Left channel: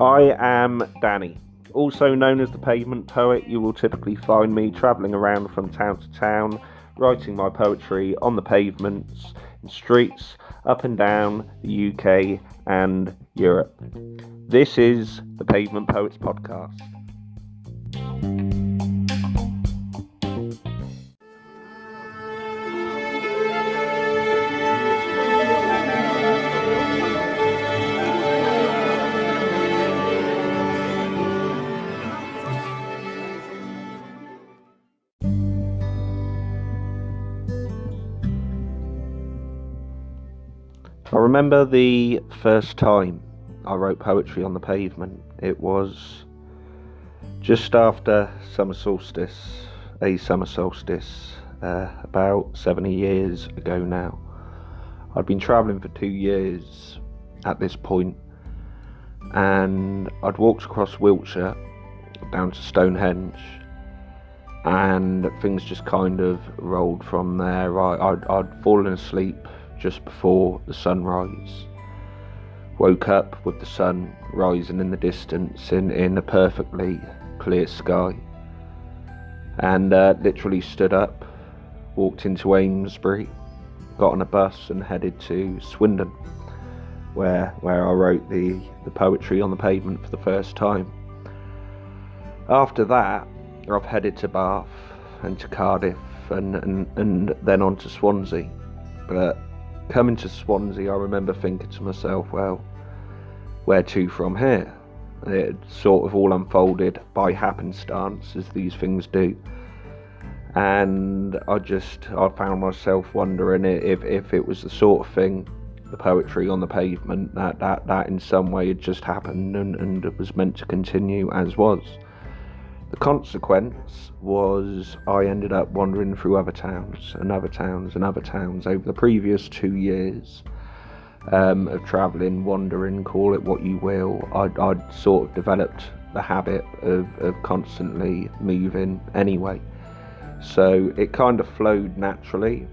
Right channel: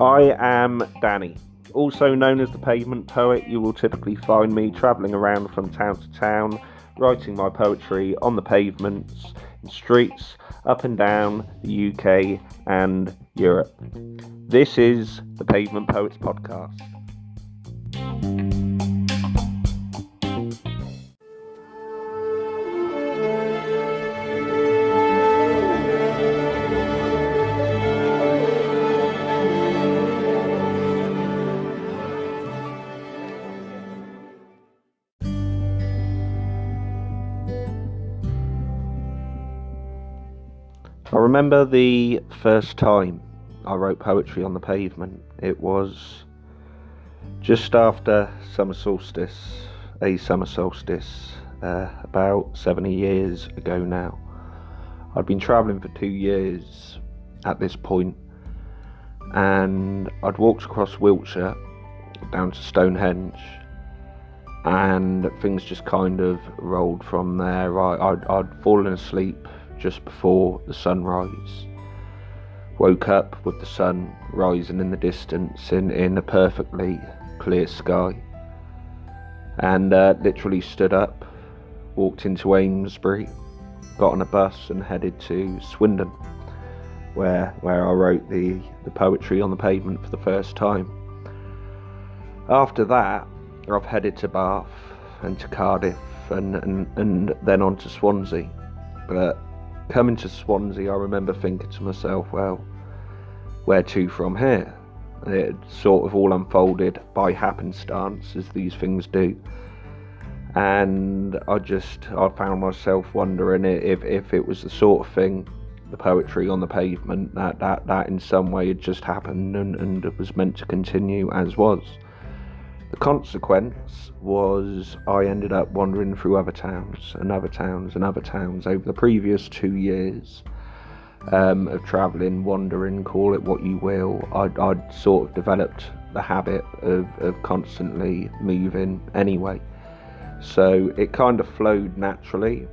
I am Danny, also known as the Pavement Poet. You will typically find me travelling around from town to town, writing my poetry on the pavements, in streets, up and down the UK and Europe. This is the Pavement Poets Podcast. I remember the first time I wrote poetry on the pavement. It was just after summer solstice, about 70 years ago now. I'd been travelling for 2 years at this point, and I'd walked across Wiltshire down to Stonehenge, and things just kind of rolled from there. I'd fallen asleep just before the sunrise, woke up with the sun rising in the distance in a perfectly clear sky, and literally stood up, walked into Amesbury, got on a bus and headed to Swindon, where I wrote the poetry on the pavement for the first time. After that, I've headed to Bath and to Cardiff and then on to Swansea. But coming to Swansea, I remember thinking to myself, well, where to from here? It sort of all unfolded by happenstance, as these things do. And I found myself wondering if it was the sort of thing, the poetry on the pavement, that in some way had just happened and it was meant to continue as was. The consequence was I ended up wandering through other towns and other towns and other towns over the previous 2 years of travelling, wandering, call it what you will. I'd sort of developed the habit of constantly moving anyway. So it kind of flowed naturally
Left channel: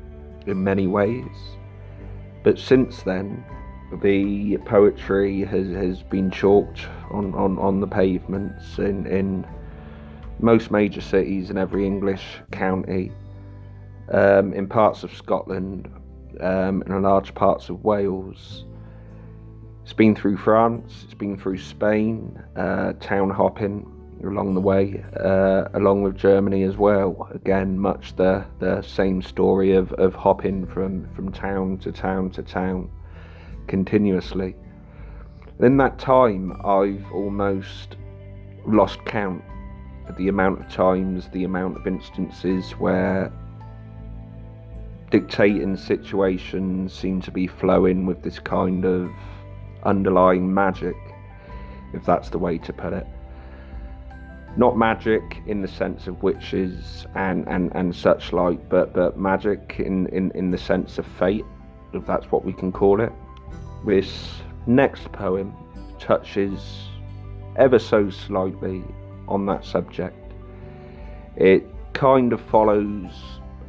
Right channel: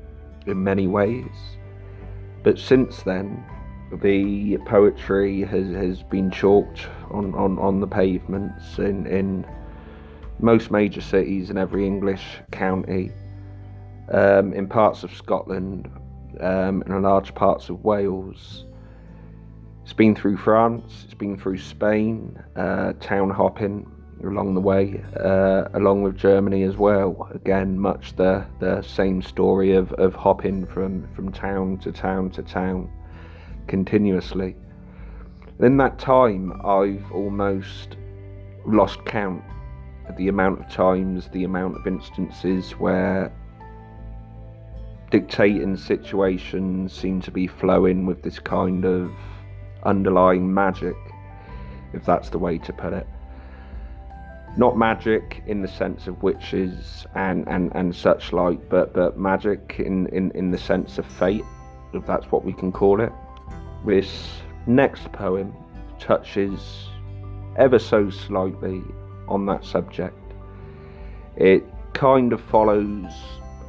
in many ways. But since then, the poetry has been chalked on the pavements in most major cities in every English county, in parts of Scotland, in large parts of Wales. It's been through France, it's been through Spain, town hopping along the way, along with Germany as well. Again, much the same story of hopping from town to town to town continuously. In that time, I've almost lost count of the amount of times, the amount of instances where dictating situations seem to be flowing with this kind of underlying magic, if that's the way to put it. Not magic in the sense of witches and such like, but magic in the sense of fate, if that's what we can call it. This next poem touches ever so slightly on that subject. It kind of follows,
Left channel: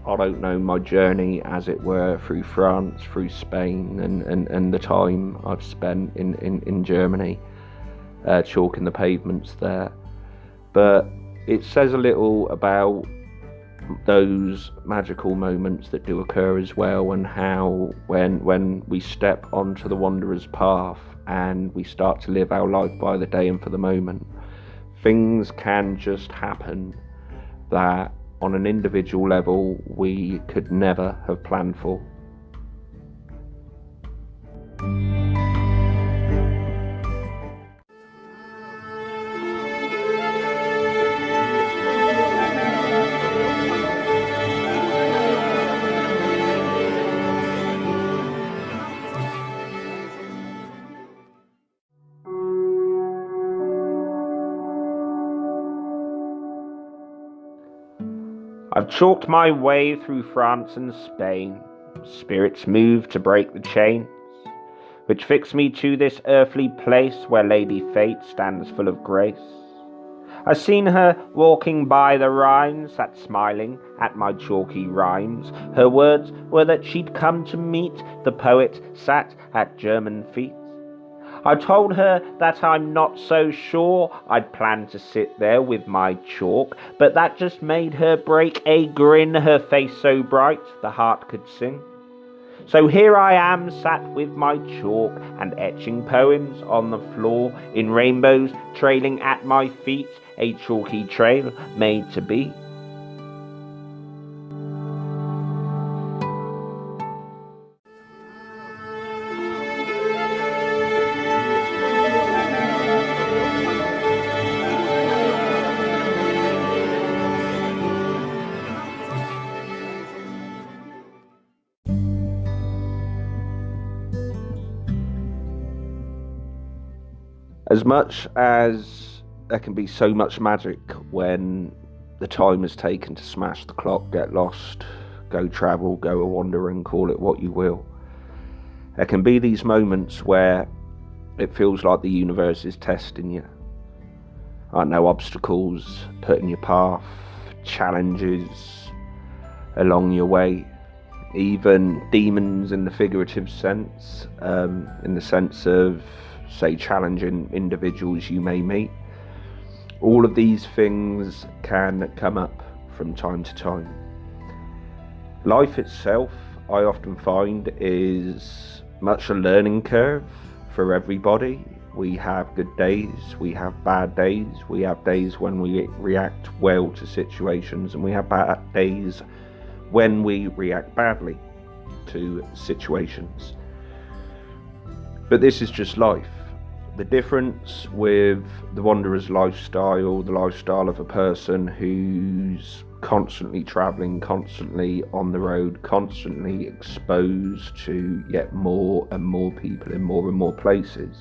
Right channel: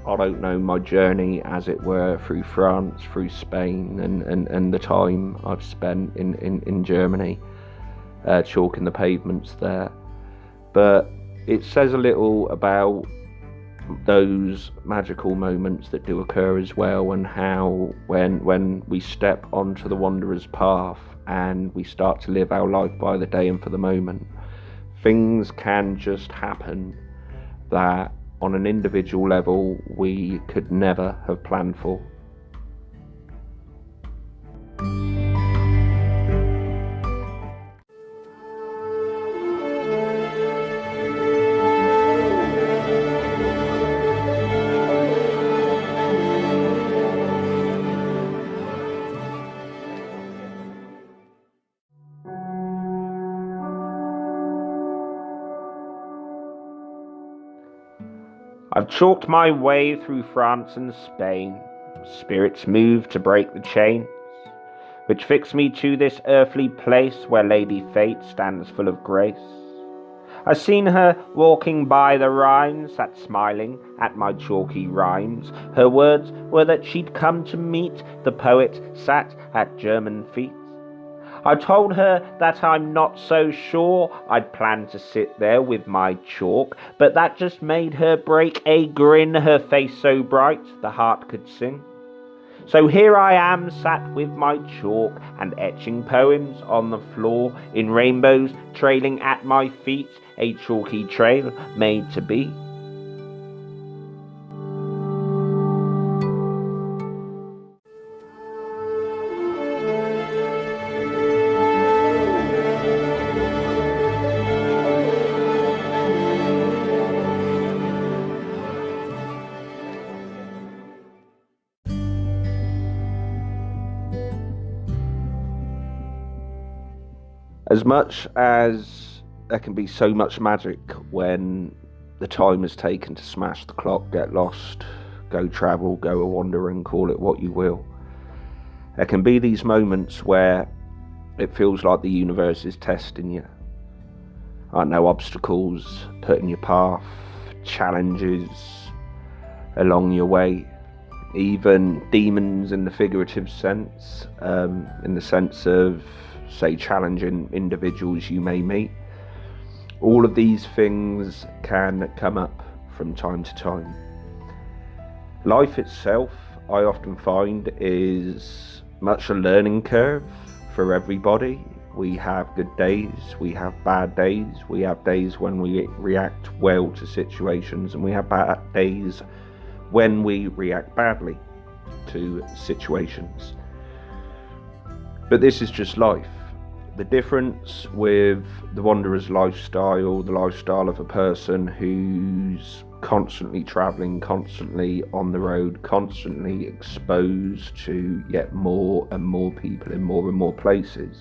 I don't know, my journey, as it were, through France, through Spain, and the time I've spent in Germany, chalking the pavements there. But it says a little about those magical moments that do occur as well, and how when we step onto the wanderer's path and we start to live our life by the day and for the moment, things can just happen that on an individual level we could never have planned for. I've chalked my way through France and Spain, spirits move to break the chains, which fix me to this earthly place where Lady Fate stands full of grace. I've seen her walking by the Rhine, sat smiling at my chalky rhymes. Her words were that she'd come to meet the poet sat at German feet. I told her that I'm not so sure I'd planned to sit there with my chalk, but that just made her break a grin, her face so bright the heart could sing. So here I am, sat with my chalk and etching poems on the floor, in rainbows trailing at my feet, a chalky trail made to be. As much as there can be so much magic when the time is taken to smash the clock, get lost, go travel, go a wandering, call it what you will, there can be these moments where it feels like the universe is testing you. I know, obstacles put in your path, challenges along your way, even demons in the figurative sense, in the sense of, say, challenging individuals you may meet. All of these things can come up from time to time. Life itself, I often find, is much a learning curve for everybody. We have good days, we have bad days, we have days when we react well to situations, and we have bad days when we react badly to situations. But this is just life. The difference with the wanderer's lifestyle, the lifestyle of a person who's constantly travelling, constantly on the road, constantly exposed to yet more and more people in more and more places.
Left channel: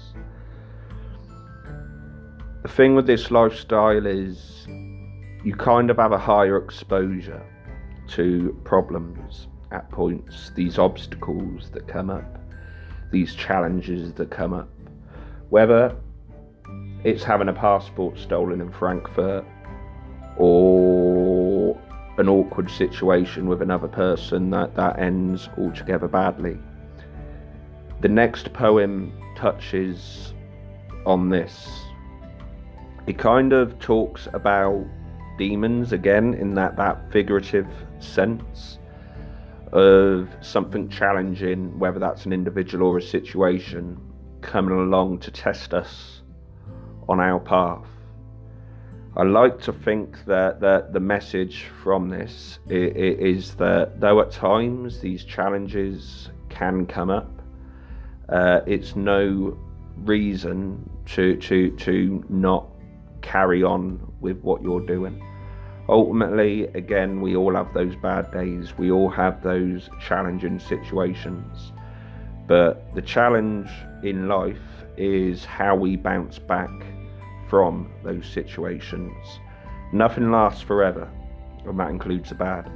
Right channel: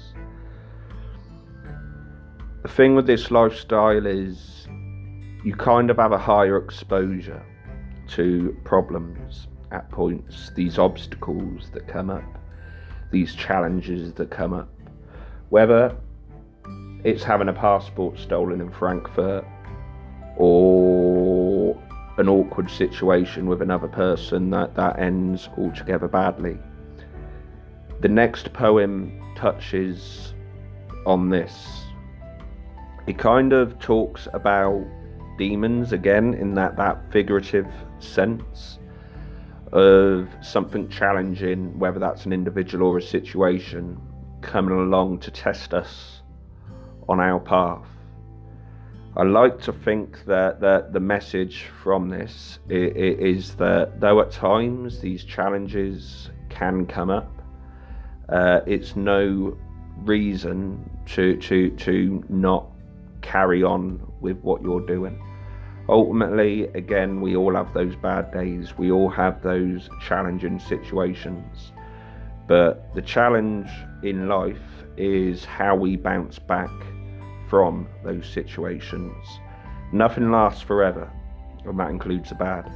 The thing with this lifestyle is you kind of have a higher exposure to problems at points, these obstacles that come up, these challenges that come up. Whether it's having a passport stolen in Frankfurt, or an awkward situation with another person that ends altogether badly. The next poem touches on this. It kind of talks about demons again, in that figurative sense of something challenging, whether that's an individual or a situation, coming along to test us on our path. I like to think that the message from this is that though at times these challenges can come up, it's no reason to not carry on with what you're doing. Ultimately, again, we all have those bad days, we all have those challenging situations. But the challenge in life is how we bounce back from those situations. Nothing lasts forever, and that includes the bad.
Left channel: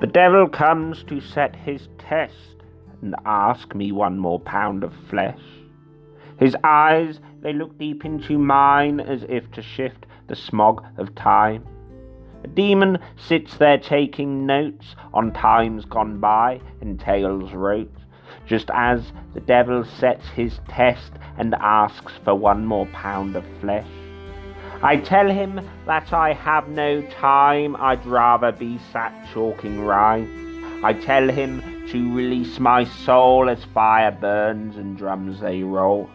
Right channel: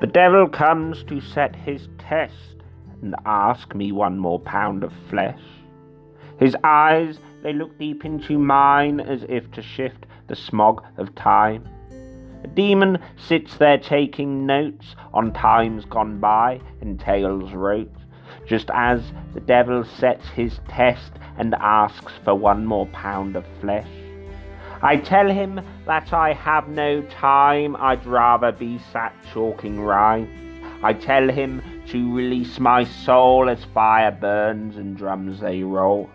The devil comes to set his test and ask me one more pound of flesh. His eyes, they look deep into mine as if to shift the smog of time. A demon sits there taking notes on times gone by and tales wrote, just as the devil sets his test and asks for one more pound of flesh. I tell him that I have no time, I'd rather be sat chalking rhymes. I tell him to release my soul as fire burns and drums they roll.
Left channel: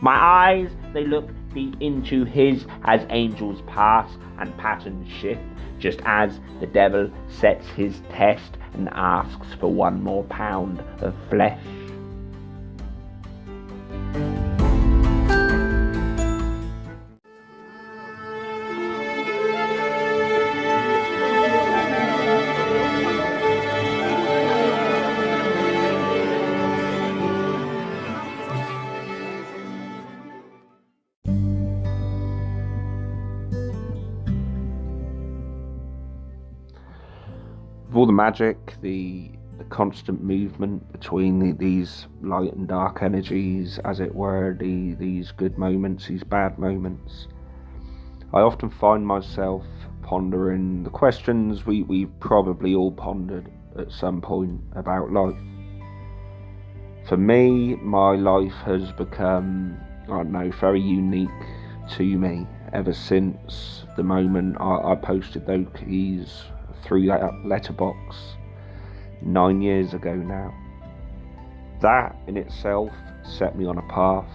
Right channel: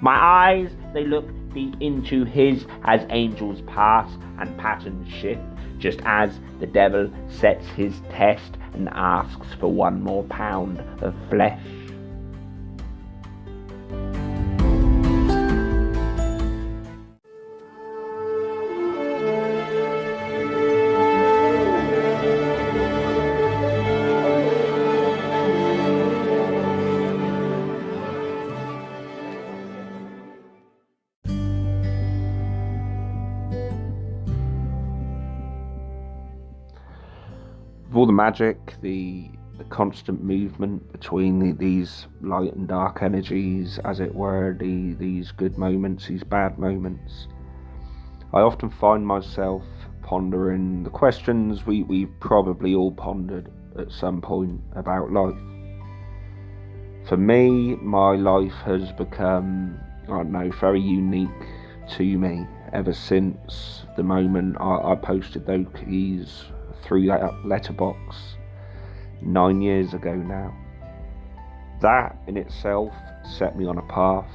My eyes, they look deep into his as angels pass and patterns shift, just as the devil sets his test and asks for one more pound of flesh. With all the magic, the constant movement between these light and dark energies, as it were, these good moments, these bad moments, I often find myself pondering the questions we've probably all pondered at some point about life. For me, my life has become, I don't know, very unique to me ever since the moment I posted those keys through that letterbox 9 years ago now. That in itself set me on a path.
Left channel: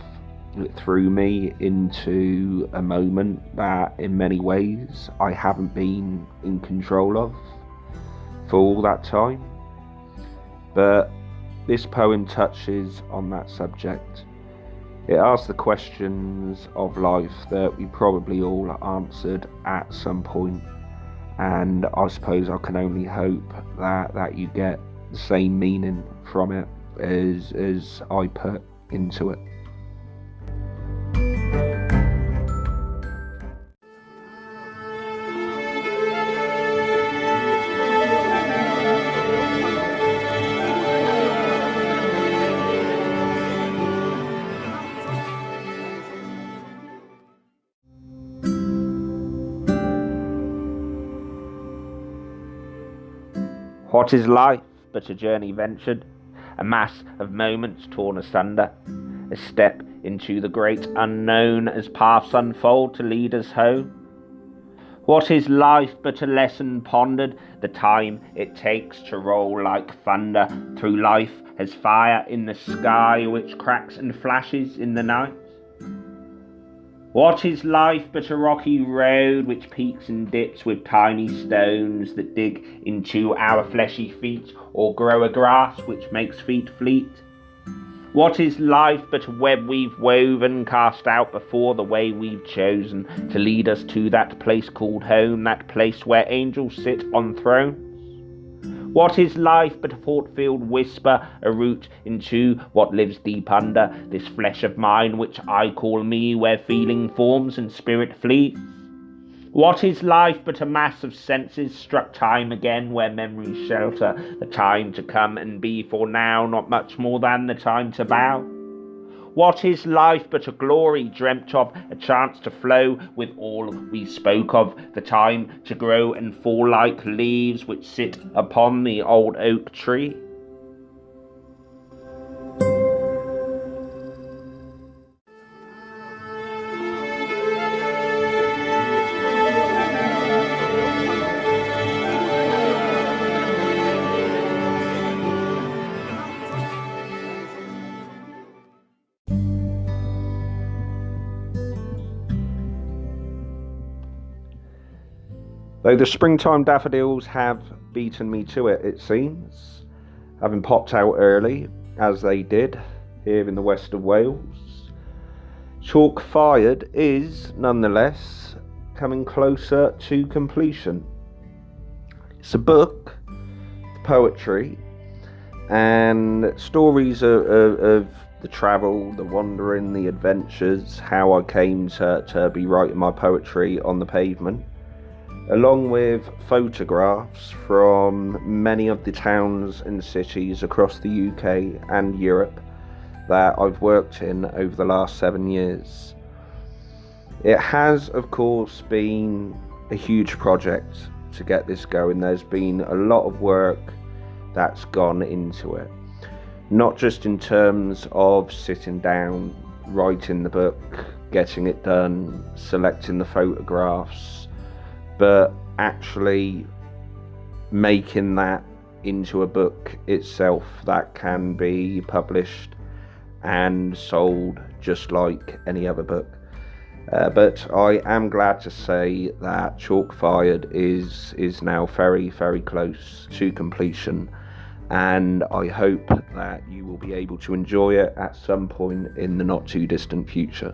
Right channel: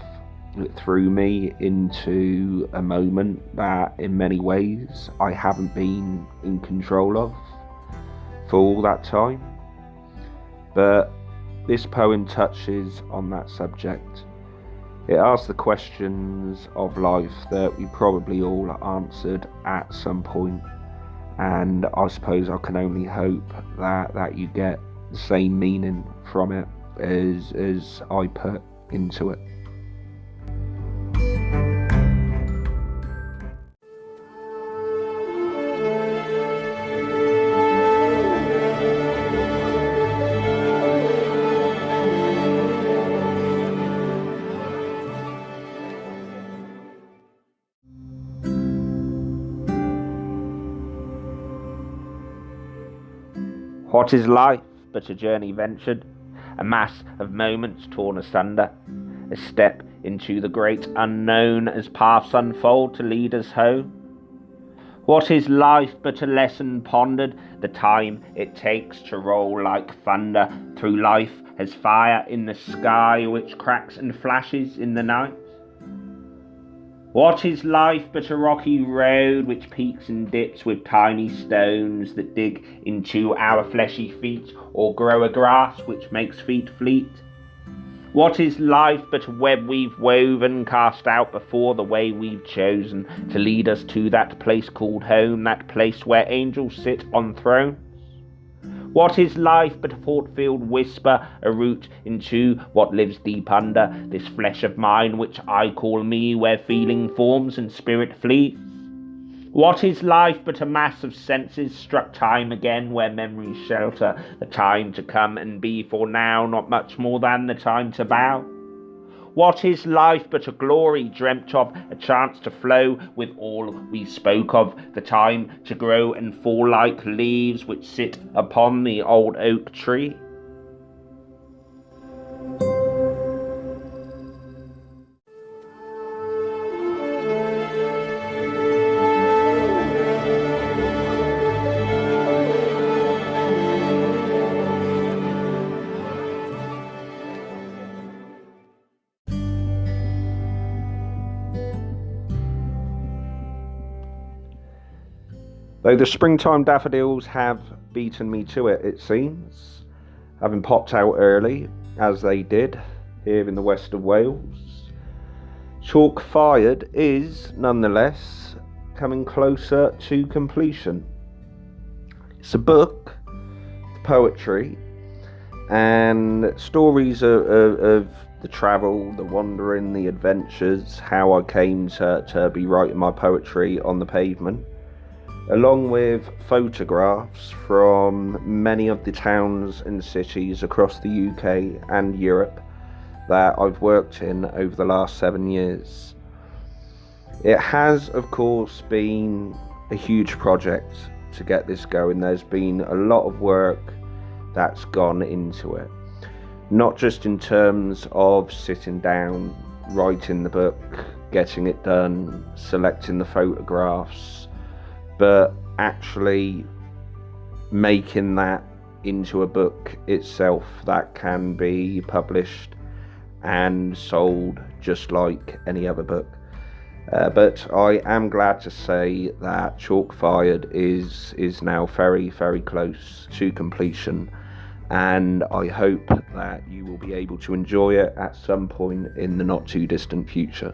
It threw me into a moment that in many ways I haven't been in control of for all that time. But this poem touches on that subject. It asks the questions of life that we probably all answered at some point. And I suppose I can only hope that you get the same meaning from it as I put into it. What is life but a journey ventured, a mass of moments torn asunder, a step into the great unknown as paths unfold to lead us home? What is life but a lesson pondered, the time it takes to roll like thunder through life as fire in the sky which cracks and flashes in the night? What is life but a rocky road which peaks and dips with tiny stones that dig into our fleshy feet or grow a grass which makes feet fleet? What is life but a web we've woven, cast out before the way we've chosen to lead us to that place called home, that place where angels sit on thrones? What is life but a thought-filled whisper, a route into what lives deep under this flesh of mine which I call me, where feeling forms and spirit flees? What is life but a mass of senses struck time again, where memories shelter the time to come and be, for now not much more than the time to bow? What is life but a glory dreamt of, a chance to flow with all we spoke of, the time to grow and fall like leaves which sit upon the old oak tree? Though the springtime daffodils have beaten me to it, it seems, having popped out early, as they did, here in the west of Wales, Chalk Fired is, nonetheless, coming closer to completion. It's a book, poetry, and stories of the travel, the wandering, the adventures, how I came to be writing my poetry on the pavement. along with photographs from many of the towns and cities across the UK and Europe that I've worked in over the last 7 years. It has, of course, been a huge project to get this going. There's been a lot of work that's gone into it, not just in terms of sitting down, writing the book, getting it done, selecting the photographs, but actually making that into a book itself that can be published and sold just like any other book. But I am glad to say that Chalk Fired is now very, very close to completion, and I hope that you will be able to enjoy it at some point in the not too distant future.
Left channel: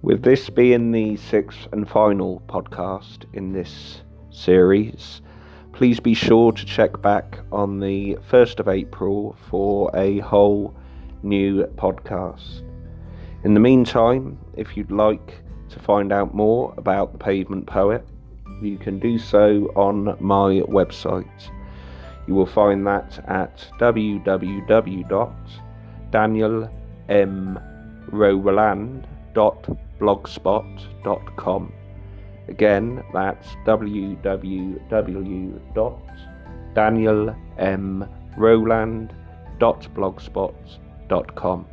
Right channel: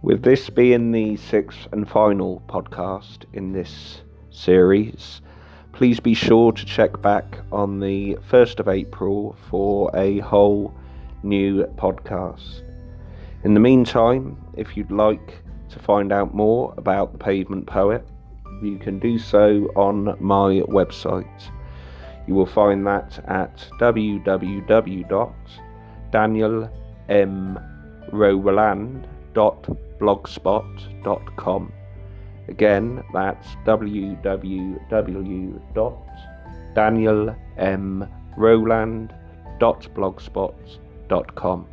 With this being the sixth and final podcast in this series, please be sure to check back on the 1st of April for a whole new podcast. In the meantime, if you'd like to find out more about the Pavement Poet, you can do so on my website. You will find that at www.danielmroland.blogspot.com. Again, that's www.danielmroland.blogspot.com.